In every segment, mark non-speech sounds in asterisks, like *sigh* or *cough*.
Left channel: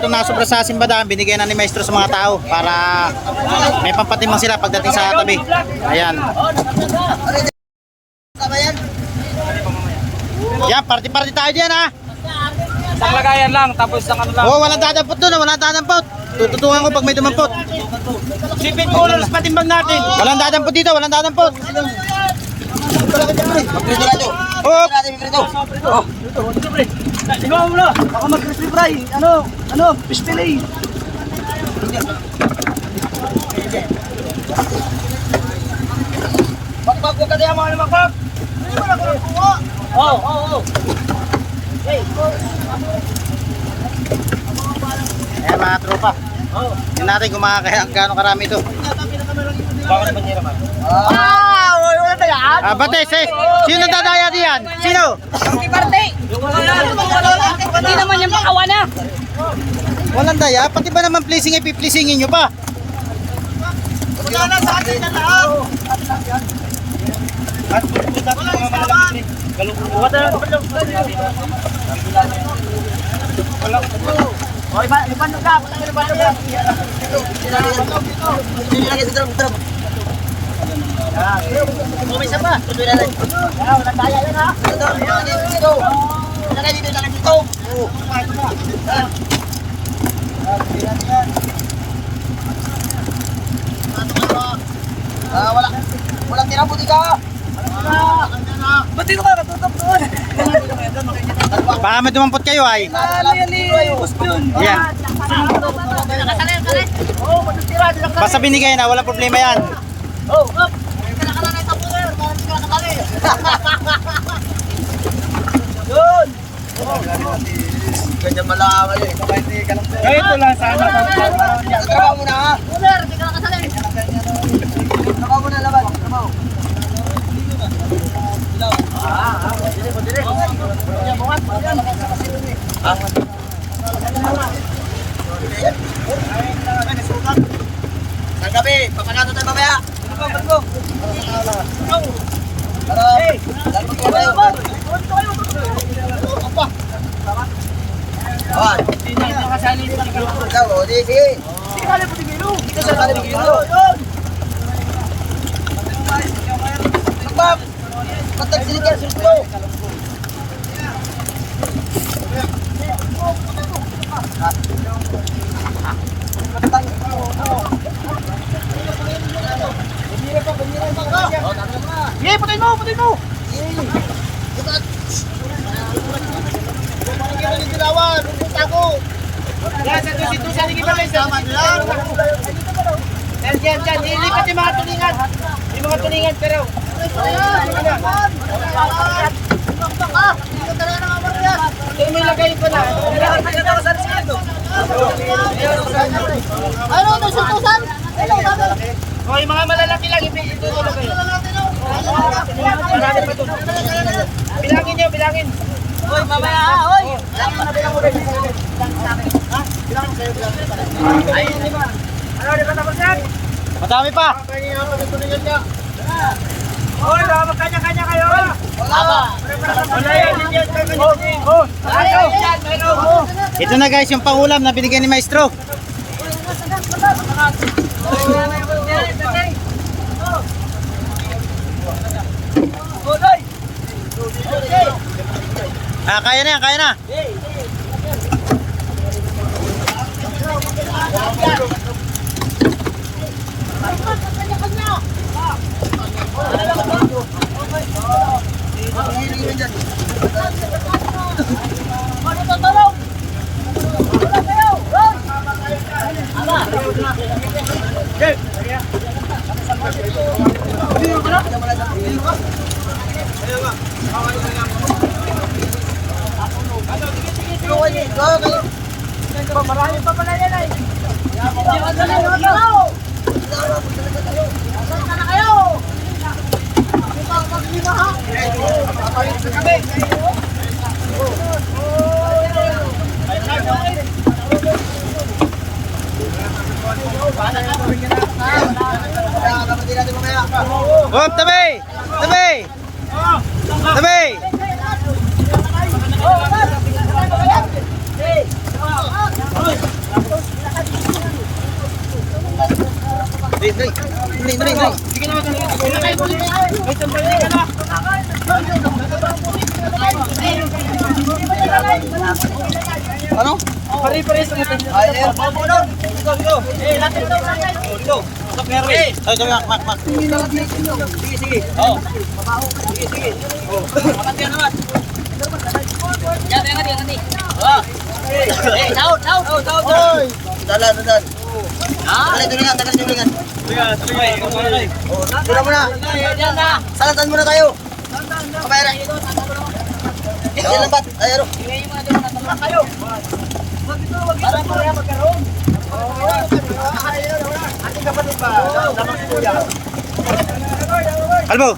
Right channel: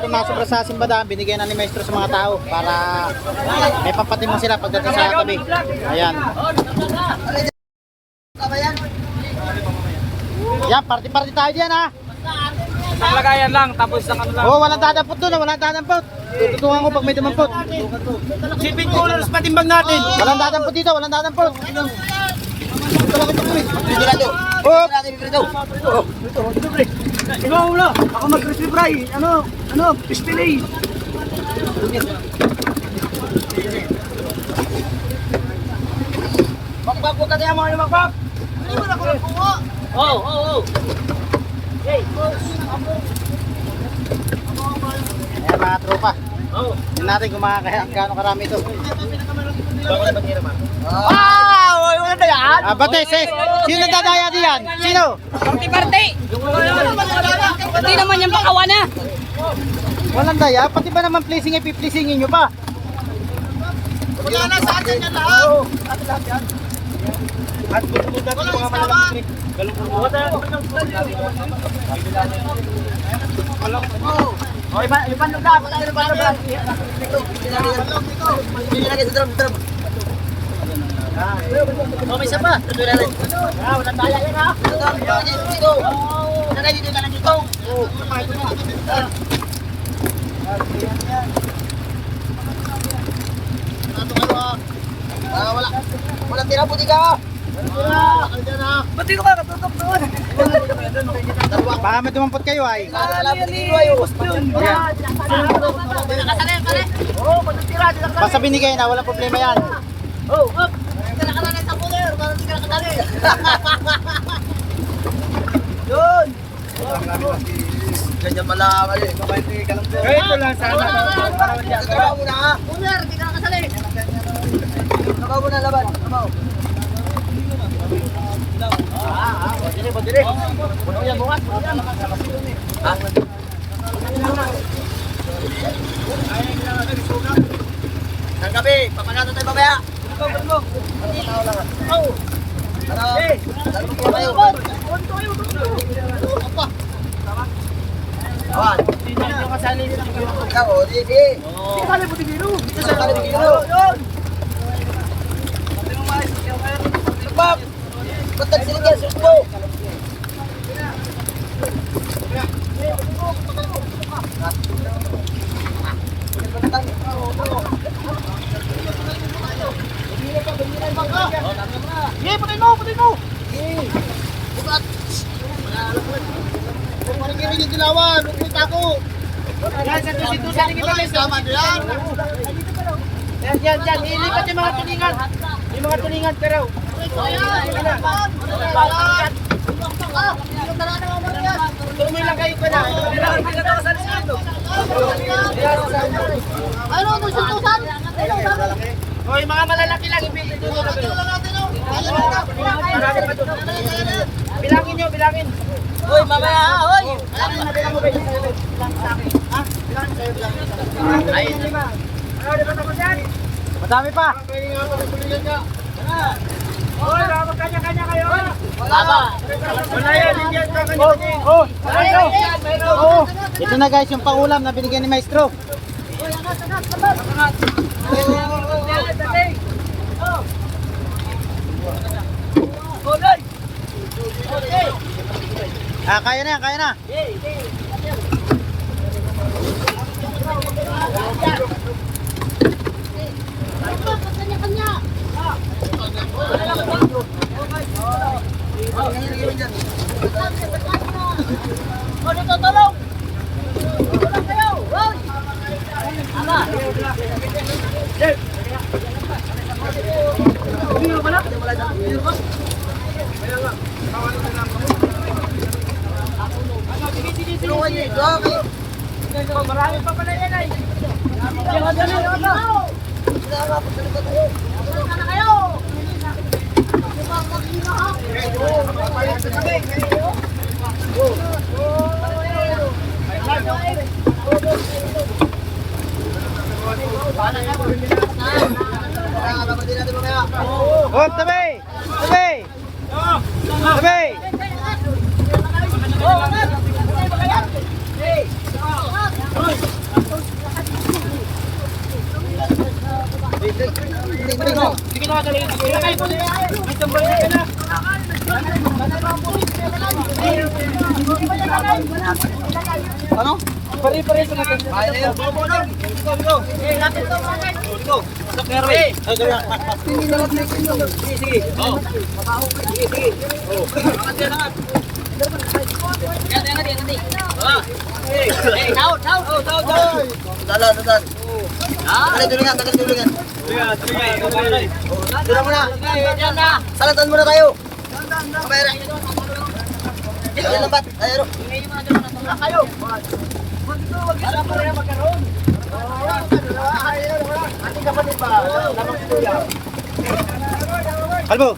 Ito na sobra sa simbadaan, binigyan na ni maestro sa mga tao para may pampatimang sila pagdating sa tabi. Ayan. Yan, party-party tayo diyan ha. Isang lagayan lang, tapos isang ano lang. Oh, walang dadampot doon, ah, walang dadampot. Tututungan ko pag may dumampot. Sipin colors patimbang natin. Walang dadampot dito, walang dadampot. Oh, Ikaw muna, ako mag-crispy fry. Ano, ano, fish fillet. Makpap ko kaya mga makpap. Oo, oo, oo. Ayan mga tropa. Tingnan natin kung makakaya gaano karami ito. Bakit ba niya naman? Ah, bate, sis. Sino nadadaya diyan? Sino? Di parte. Hindi naman yung bakawa na. Walang daya, pati ba naman pleasing ay pipleasingin nyo pa? At pupunta natin yung mga malalaki pre. Galungkuhan na. Walang ano. O, iba, iba na ka. Patay na ba na ba? Dito. Nilagay sa drum, drum. May isa pa. Tuloy na rin. Ah, wala tayo yan ha. Dito, dito, dito. Nalagay dito, nalagay dito. Oo. Ito na. Ah, wala. Walang tira puti ka. Ba't dito ka? Katutok doon. Dito kayo doon, makikita. Baka may dumampot kayo ay. Yan. Oo, matitira. Dito ka. Basta binigay na, walang problema yan. Oh, up. Yun. Ganyan pala ako eh. Kabay ni Kalangko. Ito lang sana. Trabaho mo na ha. Ular, di ka nakasali. Trabaho mo na laban. Trabaho. Ah, ah, pwede, pwede. Ang gabi, papanato tayo mamaya. Tara, dali mo tayo. Ah, Hindi na nakasali sa ikaw, o, di, sige. Hindi ka po tigilo. Hindi ka sa tigilo. Yun. Sabab. Sinigang, sirko. Sige, putay mo, putay mo. Yan, sa tusi tusi lagi ba guys? Yan, yan, yan. Ilipat yung mga tulingan. Yung mga tulingan, pero. Ito mo ilagay pa na. Ka na sa resibo. Ano, nasutusan? O, yung mga malalaki lang, itulo na kayo. Marami pa doon. Bilangin nyo, bilangin. Uy, mamaya, uy. Bilangin na, bilang mo, baby. Bilangin sa akin. Ha? Bilangin kayo, bilangin sa. Ayun, lima. Ano, di ba tapos yan? Madami pa. Hoy, baka magkanya-kanya kayo. Wala ba? Wala yan, hindi yan. Oh. Oh. Ito na guys yung pangulam na binigyan ni maestro. Hop, tabi! Tabi! Tabi! Ano? Pare-pare sa mga Ayun. Go, go. Ito mga Go, go. Stop, Merwin. Ay, sabi, mak, mak, mak. Sige, sige. Oh. Sige, sige. Angat yan, angat. Yan, angat, angat. Ah. Eh, taot. Oh, tawag, tawag. Dalan, dalan. Ah, Tagal tulingan, tagal tulingan. Yeah, tuloy. Tuloy. Doon muna. yan na. Salatan muna tayo. Kabayra. Ito lang bat. Ay, ano? Ingay mo na doon, kayo. Para po kaya magkaroon. Oo, ating kapatid ba? Lamang si Kuya. Kalbo.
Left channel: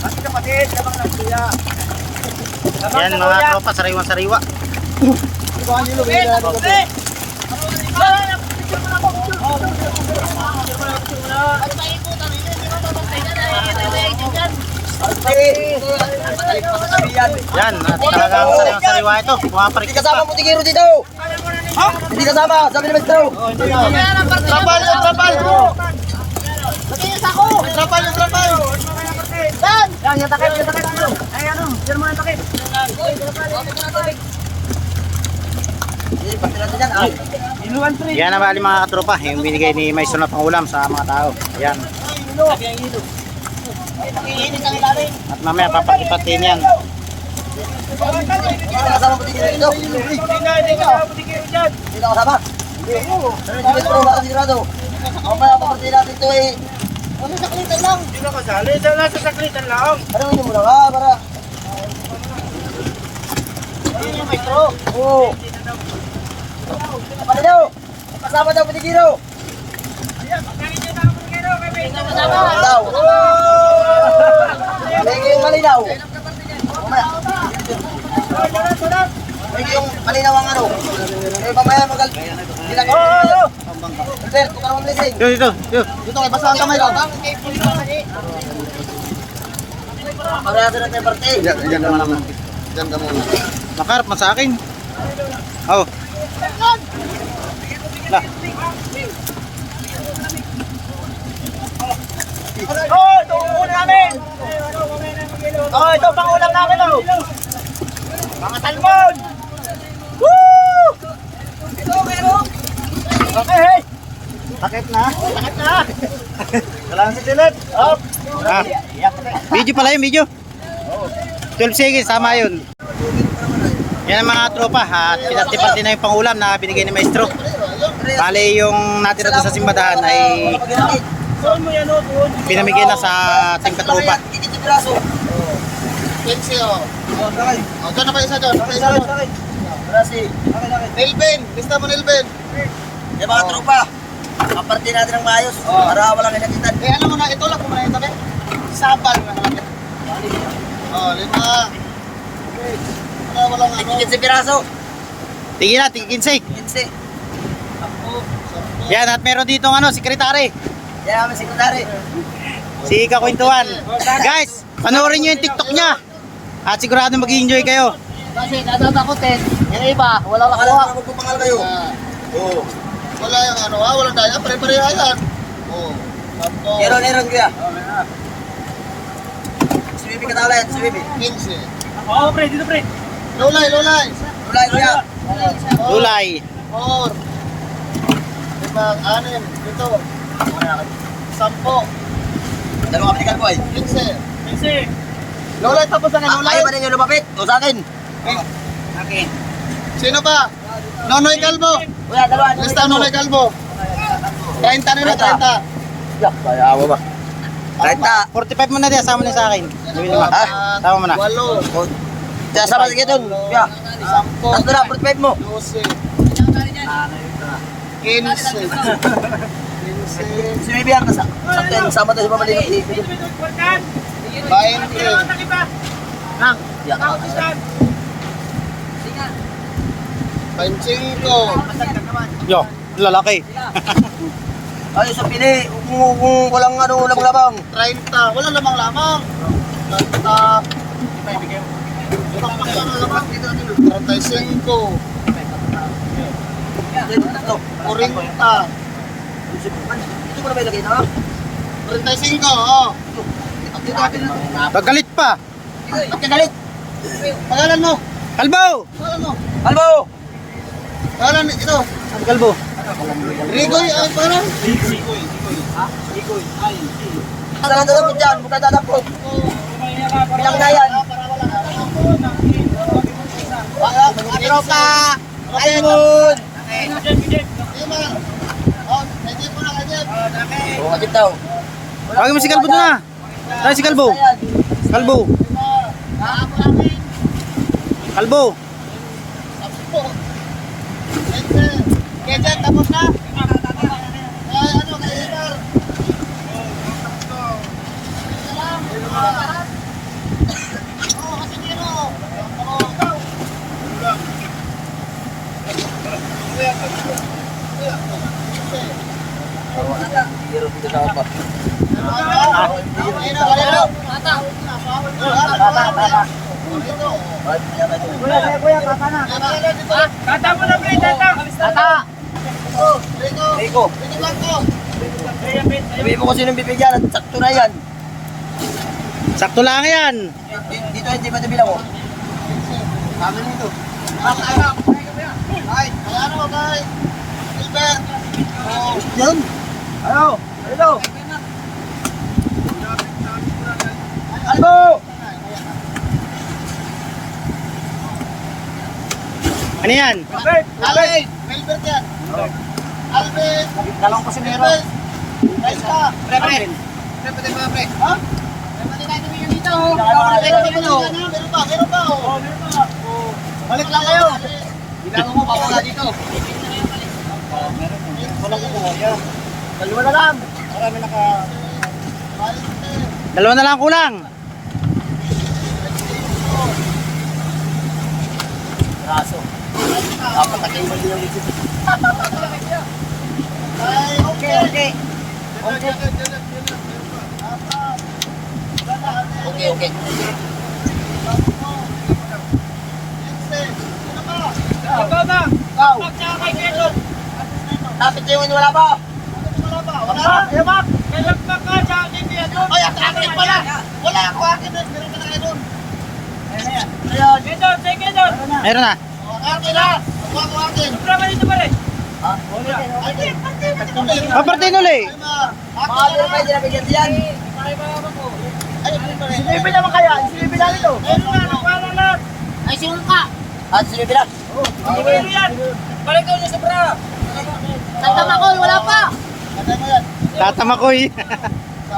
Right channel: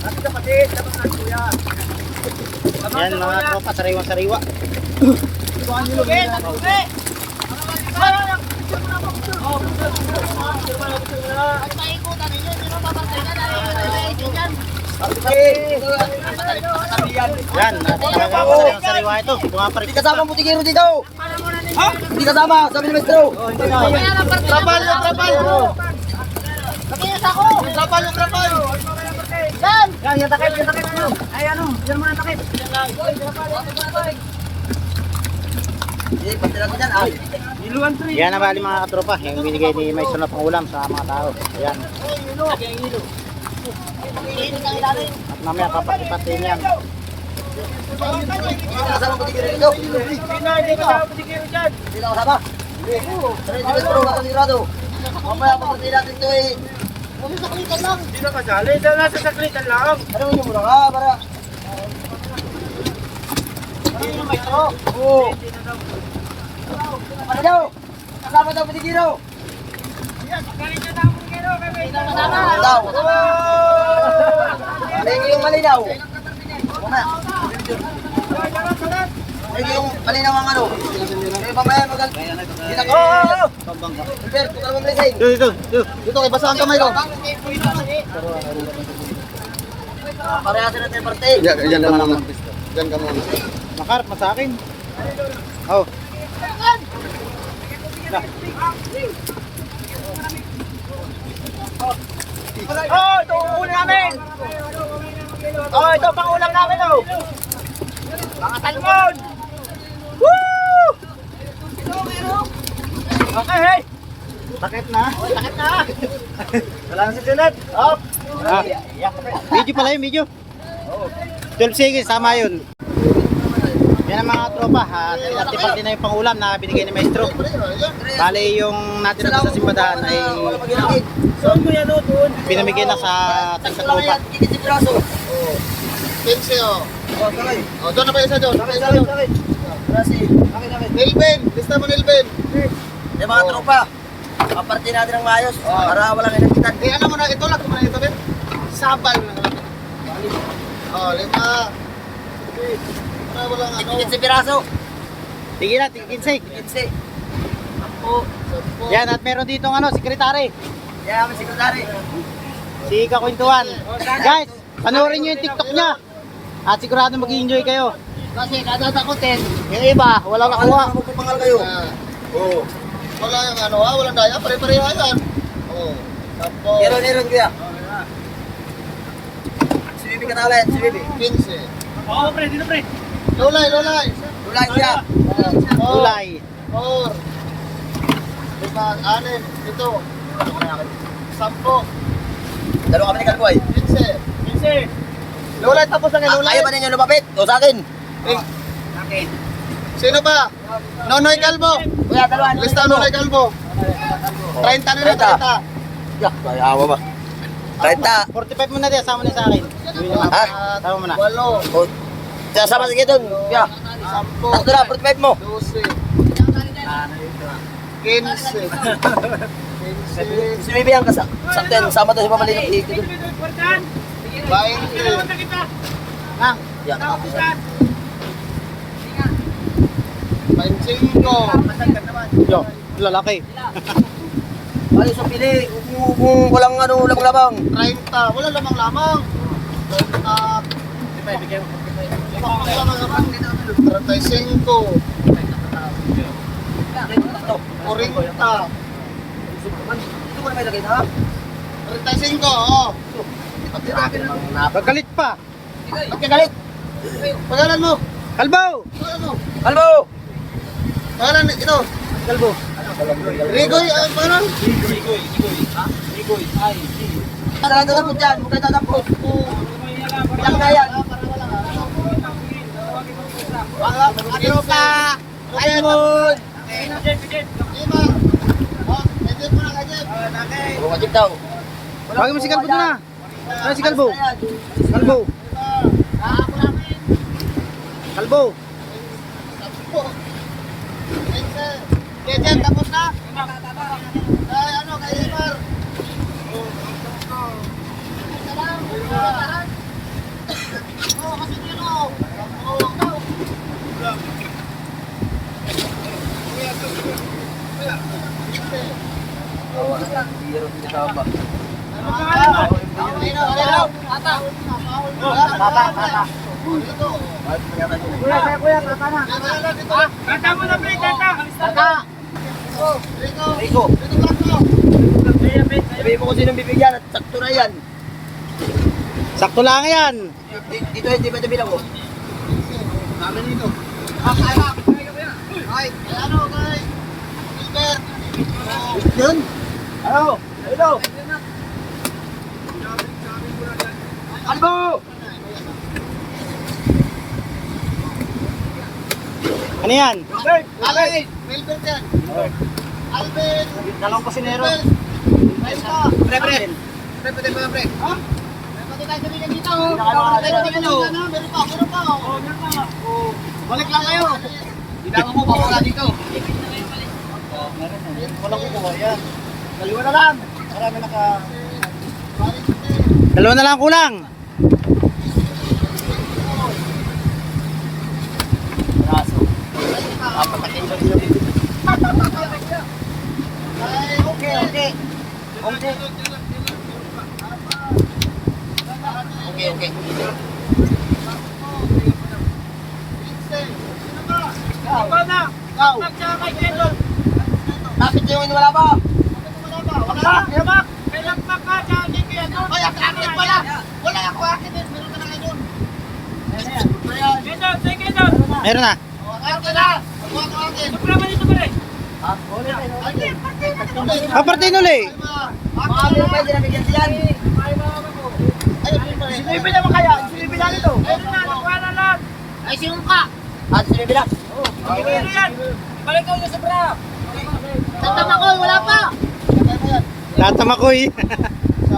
Ating kapatid, lamang na Kuya. Yan mga tropa, sariwa-sariwa. Yan, talagang sariwa-sariwa ito. Pumaparik pa. mo tigiro dito. Ha? Hindi kasama, sabi ni Maestro. Trapal yung trapal. Trapal yung trapal. Yan, yung takip, yung takip. Ay, ano, yan mo yung takip. Tre. Yan ang bali mga katropa, yung binigay ni Maestro na pangulam sa mga tao. Yan. At mamaya papakipatin yan. Kasama ko tigiro dito. Hindi na, hindi ka kasama ko tigiro dyan. Hindi na kasama. Hindi. Pero hindi Maestro, baka sigurado. Mamaya papartiin natin ito eh. Hindi na kasali, dahil nasa saklitan lang. Ano yun muna ka, para... Oo. Ano daw? Kasama daw patigiro. Daw. Lagi yung malinaw. Mamaya. Lagi yung malinaw ang ano. Eh, mamaya magal... Bilang... Oo! Sir, tukar mo blessing. Dito, dito, dito. Dito, kay basa ang kamay ko. Parehas na tayo parte. Yan, yan ka muna. Yan ka muna. Nakarap mo sa akin. Oh. Na. Oh, ito ang ulam namin. Oh, ito pang ulam namin oh. Mga salmon. Woo! Okay, hey. Takip na. Na. *laughs* Wala na si Janet. Up. Ah. Video pala yun, video. 12 seconds, tama yun. Yan ang mga tropa, at pinatipati na yung pangulam na binigay ni Maestro. Bali yung natira sa simbadahan ay oh, pinamigay na sa yung braso. Pinsi, oh. Oh, sakay. Oh, doon na pa isa doon. Sakay, sakay, sakay. Brasi. Sakay, sakay. Nilben, lista mo Nilben. Eh mga tropa, kaparte natin ng maayos para walang inagitan. Eh, alam mo na, ito lang kung muna ito, be. Sabal na naman. Oh, lima. Para walang ano. Ikit si piraso. Tingin na, tingin 15. Ikit si. Sampu. Sampu. Yan, at meron dito ng ano, sekretary. Yan namin sekretary. Si Kakwentuhan. Guys, panoorin nyo yung TikTok niya. At sigurado mag-enjoy kayo. Kasi natatakotin, eh. yung iba, wala na Wala na magpapangal kayo. Ah. Oo. Wala yung ano ha, walang daya, pare-pareha yan. Oo. Tapos... Meron, meron kuya. Si Bibi kita ulit, si Bibi. 15. Oo, oh, pre, dito pre. Lulay, lulay. Lulay kuya. Lulay. 4. Limang, anim, dito. Sampo. Dalawang kapitikal ko ay. 15. 15. Nulay tapos ang nulay. Ayaw ba ninyo lumapit? O sa akin? Oh. Eh. Okay. Sino ba? Nonoy Kalbo. Kuya, dalawa. Lista Nonoy Kalbo. 30 na na, 30. Yeah, kaya ako ba? 30. 45 mo na rin, sama na sa akin. Ha? Sama mo na. 8. O, kaya sama sige doon. Kaya. 10. Ando na, 45 mo. 12. 15. 15. Si Bibi ang kasama. Sa 10, sama tayo si Pamalino. 15. Bain cream. Nang. Yan. Pancingko. Yo, lalaki. *laughs* Ay, sa pili, kung walang ano, walang lamang. 30, wala lamang lamang. 30. Ibigay, ibigay mo. Ibigay mo. 35. 40. Ito mo na may lagay na? 35, oo. Oh. Paggalit pa. Ba't ka galit? Pangalan mo. Kalbo! Pangalan mo. Kalbo! Pangalan ito. Kalbo. Rigoy. Ang pangalan. Ano ang dalapot dyan? Mukha dadapot. Bilang na yan. Tropa. Ayun! Lima. Oh, medyo pa na kanya. Oo, agad daw. Tawagin mo si Kalbo na. Ay, si Kalbo. Kalbo. Kalbo. Kaya tapos na. Ay, ano, kay Ibar. Oo, kasi dito. Oo. Hiro ko sa ba. Kalino, kalino. Bata. Kuya, kuya, kuya, kaka na. Tata mo na, pre, tata. Tata. Rico. Rico. Rico Blanco. Sabi mo kung sinong bibigyan at sakto na yan. Sakto lang yan. Di- Dito hindi ba bilang ko? Amin ito. Ah, kaya. Ay, kaya ano, kay Gilbert. Oh, Yan. Ayo. Ayo. Kalbo! Ano yan? Alvin. Gilbert yan. Alvin. Dalawang kusinero. Gilbert. Raista. Pre, pre. Pre, pre, pre, pre. Ha? Pwede tayo kami dito. oh. Meron pa dito. Meron pa, meron pa. Oh, meron pa. Oh. Balik lang kayo. Bilango mo pa wala dito. Wala ko kuha yan. Dalawa na lang. Wala na naka... Balik. Dalawa na lang kulang. Na kayo ba din Ay, okay. Okay, okay. Okay, okay. Ikaw na. Ikaw. Magtsaka kay Kedon. Lapit yung wala pa. Wala? Wala. May lagpak ka Ay, at akin pala. Wala ako akin. eh. Meron ka na Kedon. Ayan. Ayan. Kedon, say Kedon. Meron na. Oh, Akin na. Ako ako akin. Sobra ba dito pare? Ha? Akin. Akin. Kapartin uli. Ay, ma. Mga Akin ano na. pa hindi nabigyan diyan. Sinibi naman kaya. Sinibi namin to. Meron na. Nakuha na lang. Ay, sinong ka? At sinibi na. Meron yan. Balik ko niya sa bra. Tatama ko, wala pa. Patay mo *laughs*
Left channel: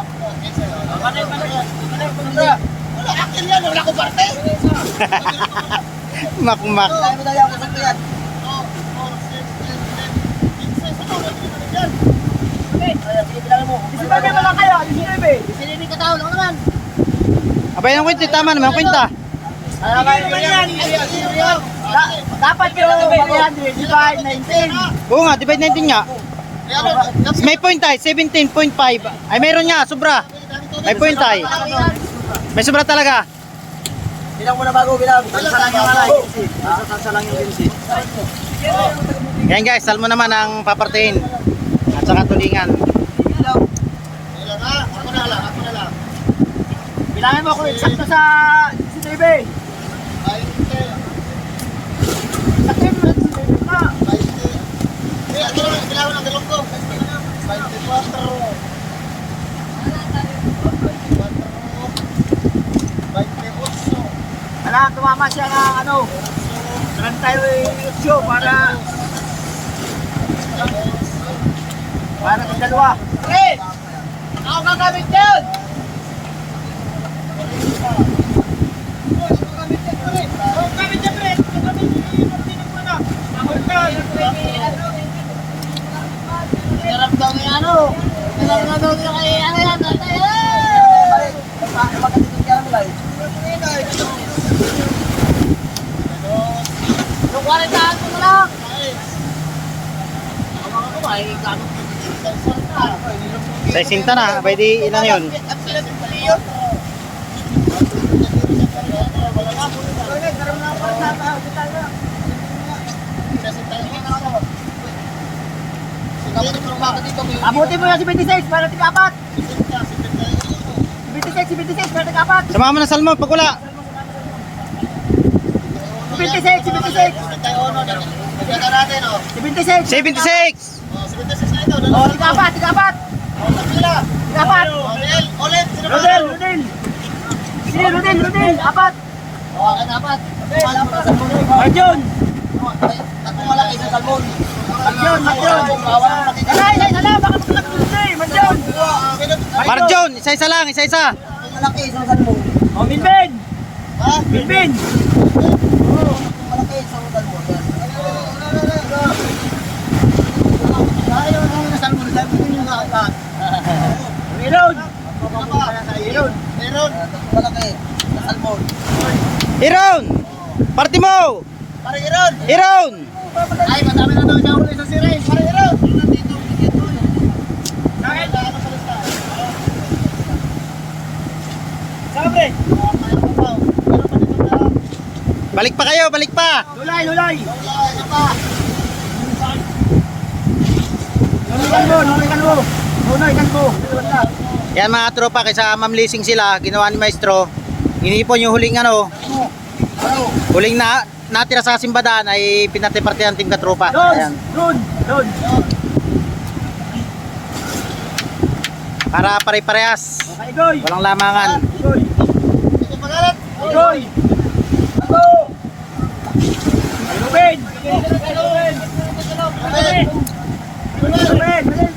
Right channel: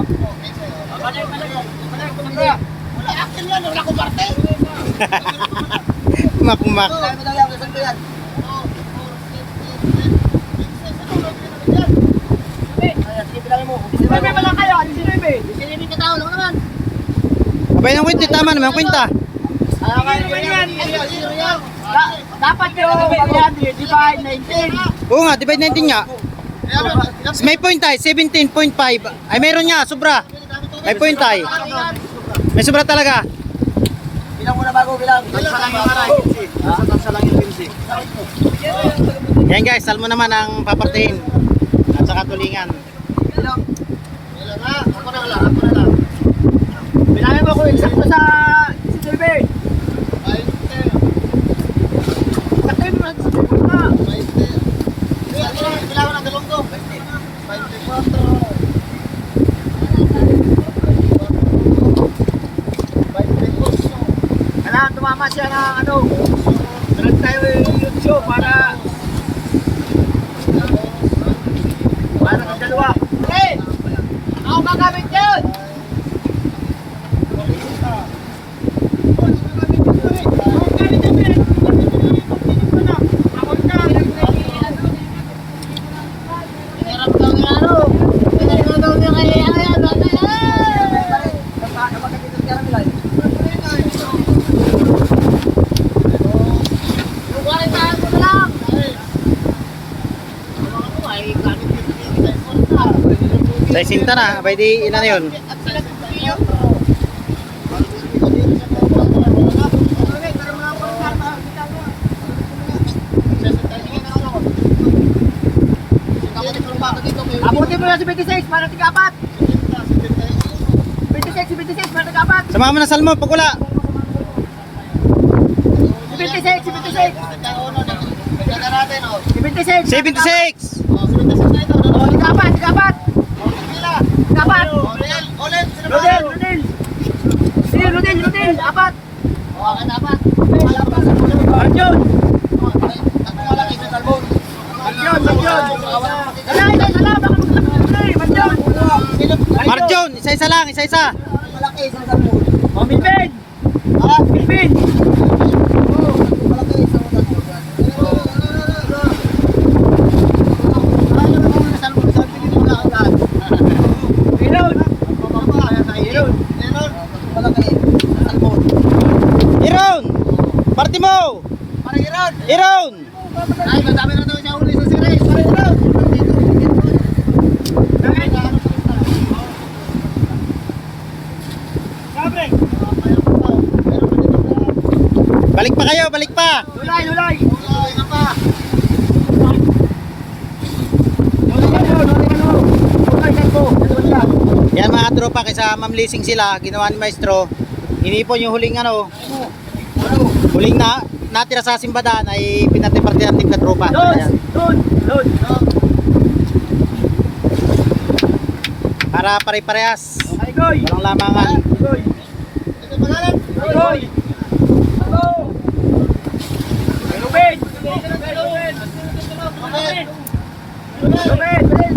*laughs* Patay ko sa bra. Wala akin yan. Wala ko parte. Makmak. Dami na yan. Kusog ko yan. Namin mo. Lang kayo. Ano sinibi? Sinibi ka tao lang naman. Abay ng kwenta, tama naman kwenta. Ano naman yan? Da- Dapat yung 100 divide 19. Oo nga, divide 19 nga. May point tayo, 17.5. Ay, meron nga, sobra. May point tayo. May sobra talaga. Bilang mo na bago bilang. Ha? Yan guys, salmo naman ang papartihin. At saka tulingan. Bilangin mo ko eksakto sa sinibi. Sakto mo na. Kailangan tumama siya ng ano. Meron tayo show para para sa dalawa. Pre! Ako gagamit yun! Daw niya kay ano yan. Ano yan? Pare, maganda Yung 40 ko na lang. Sizing ta na, pwede ilan yun? Abutin mo yan si 26 para tig-apat. 26, si 26 para tig-apat. Sama mo na salmo, pag wala. Si 26, si 26. Si 26. 76! Oh, tig-apat, tig-apat. Tig-apat. Rodel, Rodel. Sige, Rodel, Rodel. Apat. Arjun. Arjun, Arjun. Dala, isa, isa lang. Baka magkalak na eh. Arjun. Marjon, isa-isa lang, isa-isa. Oh. Milvin. Reload. Reload. Iron! Party mo! Iron! Ay, madami na daw siya uli sa series. Bakit? Sabre. Balik pa kayo, balik pa! Lulay, lulay. Lulay mo, lulay ka mo. Ka mo. Lulay ka. Yan mga tropa, kaysa mamlising sila, ginawa ni Maestro. Inipon yung huling ano, huling na natira sa simbadan ay pinatiparte ng team katropa. Ayan. doon, doon. Para pare-parehas. Walang lamangan. Goy. Goy. Go. Ay, Ruben. Ruben. Ruben. Ruben. Ruben.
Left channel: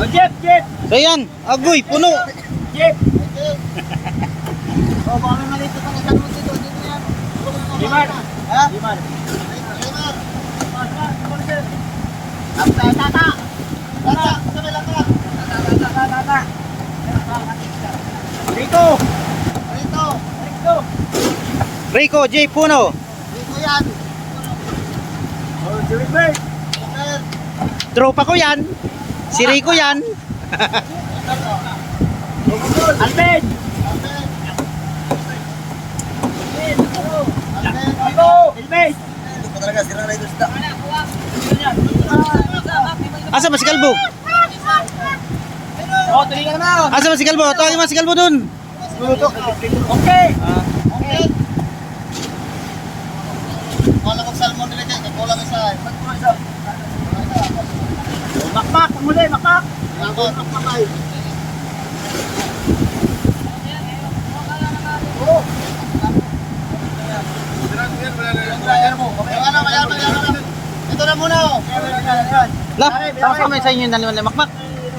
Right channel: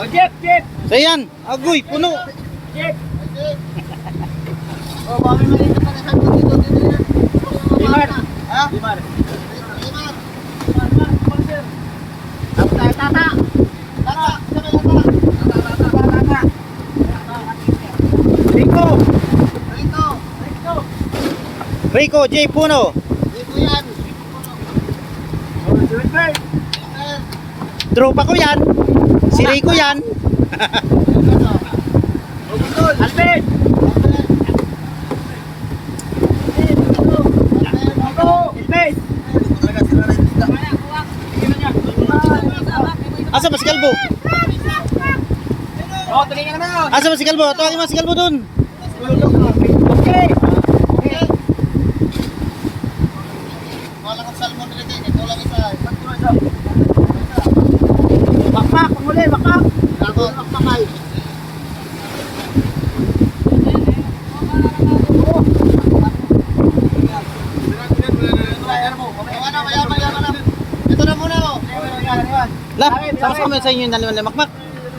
Oh, Jeep, Jeep. So yan, agoy, puno. Jeep. Limar. Ha? Limar. Tata. Tata. Tata. Tata. Tata. Rico. Rico. Rico. Rico J. Puno. Oh, si Wilbert. Tropa ko yan. Si Rico yan. Alvin. Alvin. Asa ba si Kalbo? Oh, tuloy ka naman. Asa ba si Kalbo? Tawagin mo si Kalbo dun. Okay. Bakbak, muli, bakbak. Ito na muna oh. La, sama kami sa inyo yung dalawa ni Makmak.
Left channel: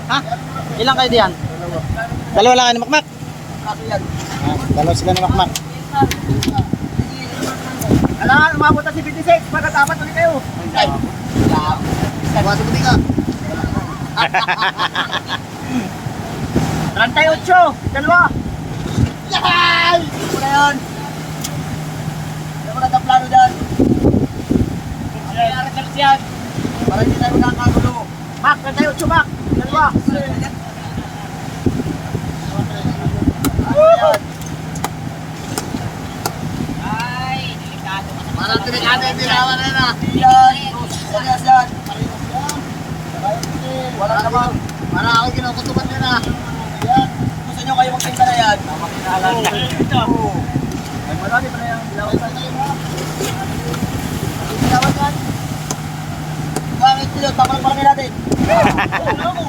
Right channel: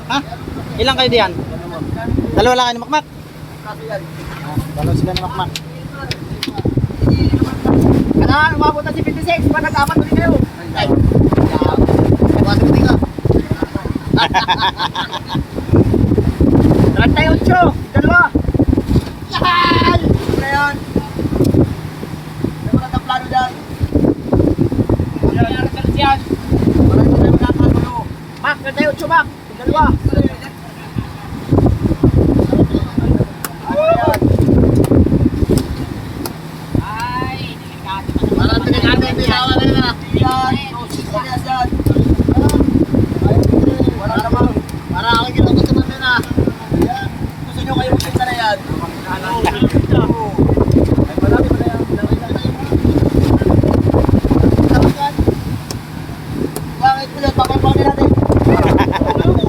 Ha? Ilang kayo diyan? Dalawa lang kayo ni Makmak? Ah, dalawa sila ni Makmak. Kailangan umabot na si 56 para dapat ulit kayo. *laughs* Trantay ocho, dalawa. Yahay! Ano na yun? Ano na plano dyan? Kailangan ka siyan. Para hindi tayo magkakagulo. Mac, trantay ocho, Mac. Dalawa. Ay, delikado ka Parang tinawa na ah. Yan, Rosas yan. Wala namang. Parang ako kinukutuban din ah. Gusto nyo kayo magpunta na yan? Oo. Ay, marami pa na yan. Bakit pilot? Papalpangin natin. Para dalawa.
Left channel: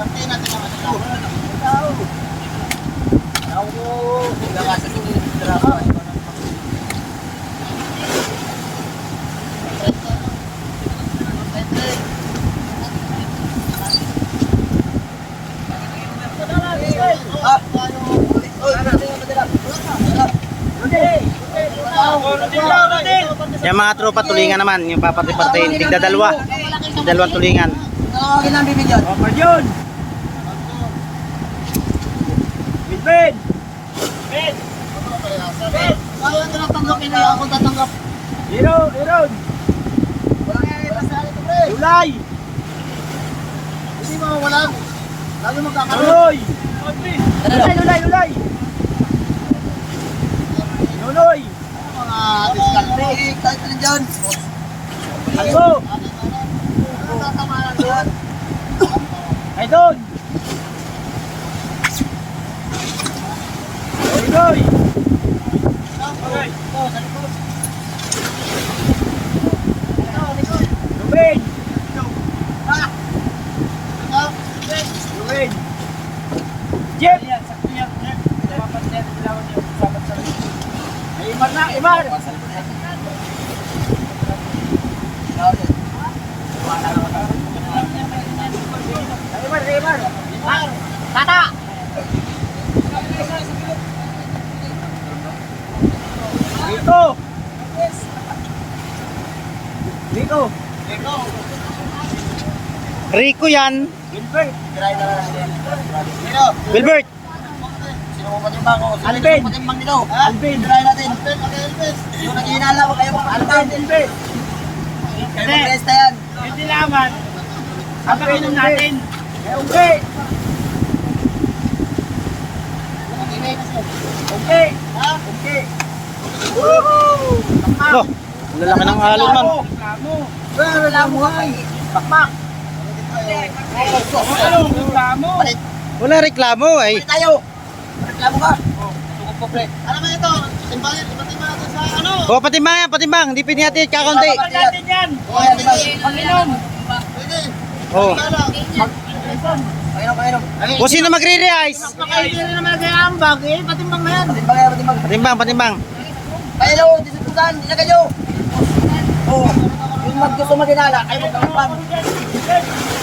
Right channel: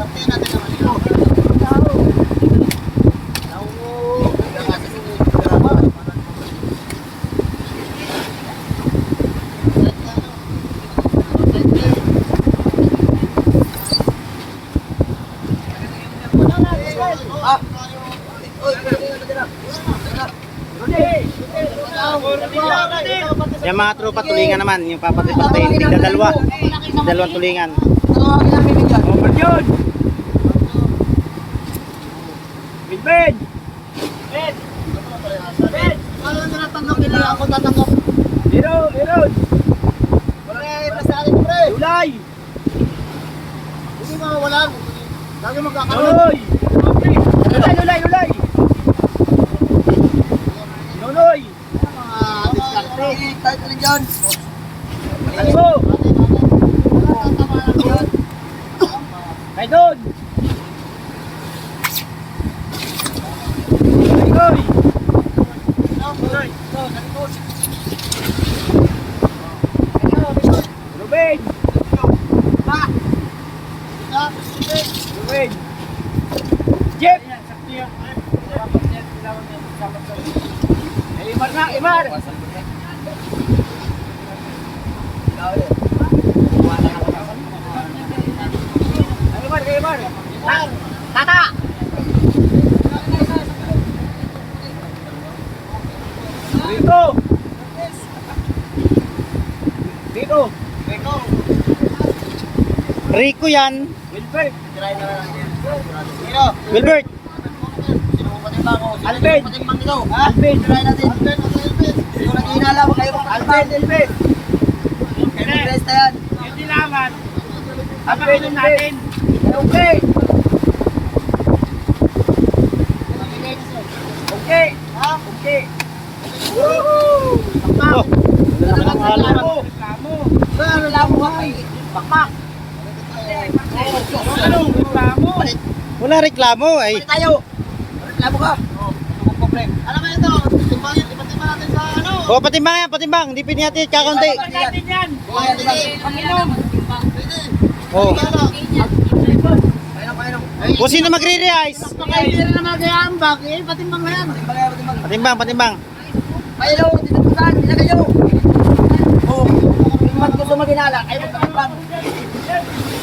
Pati natin naman ito. Ha? Oy, tingnan mo dito. Yung mga tropa tulingan naman, yung papati-pati, tigda dalawa. Dalawang tulingan. Tawagin namin bigyan. Oh, Marjon! Bilbid! Bid! Ano na natanggapin na ako tatanggap? Hero! Hero! Julay! Hindi mawawalan. Lagi magkakaroon. Nunoy! Lulay! Lulay! Lulay! Nunoy! Diskarte. Kahit alin dyan. Takbo! Ay doon! Goy! Goy! Ruben! Ruben! Jeff! Ay, Imar na! Imar! Ay, Imar! Ay, Imar! Tata! Dito! Dito! Rico yan. Wilbert! Try na lang yan. Pero, Wilbert. sino mo ko? Sino Alvin. mo patimbang nito? Alvin! Try natin. Alvin, Alvin. Yung nag-iinala mo kayo Alvin! Alvin! Kayo mag-resta yan. Hindi naman! Alvin natin! Eh, okay! Okay! Ha? Okay! Woohoo! Oh, ano naman ang halunan. Reklamo! Reklamo ka pa eh! Bakmak! Anong reklamo? Wala reklamo ay. Balik tayo. Reklamo ka. Alam mo ito, timbangin, ipatimbang natin sa ano? O patimbang yan, patimbang. Hindi pwede natin kakaunti. Pag natin yan! Pwede. Pag-inom! Pwede. Oh. Kung sino magre-realize. Hindi rin naman kaya ang bag eh, patimbang na yan. Patimbang yan, patimbang. Patimbang, patimbang. Pailo, disiputan, hindi na kayo. Oh, yung mag gusto maginala, kayo magpapang.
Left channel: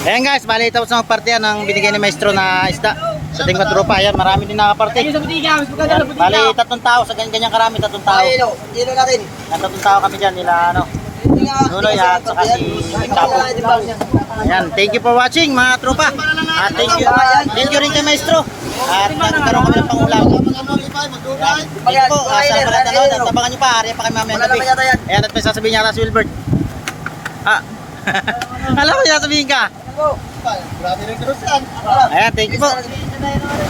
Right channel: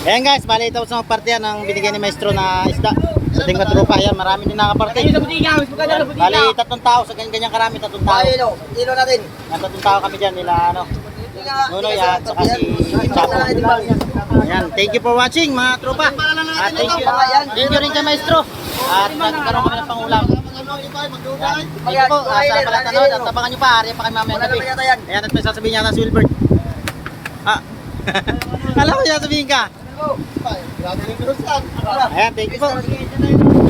Ayan guys, bali tapos na magpartiyan ng binigay ni Maestro na isda. Sa tingwa tropa, ayan, marami din nakaparte. Ayan, bali tatlong tao, sa ganyan karami, tatlong tao. Pailo, dilo natin. Yan, tatlong tao kami dyan, nila ano. Nunoy, at saka si Chapo. Ayan, thank you for watching mga tropa. At thank you, thank you rin kay Maestro. At nagkaroon kami ng pangulam. Ayan, thank you po. Uh, sa pala tanood at tabangan nyo pa, ariya pa kayo mamayang gabi. Ayan, at may sasabihin niya na si Wilbert. Ah, *laughs* alam ko yung sasabihin ka. Ayan, thank you po.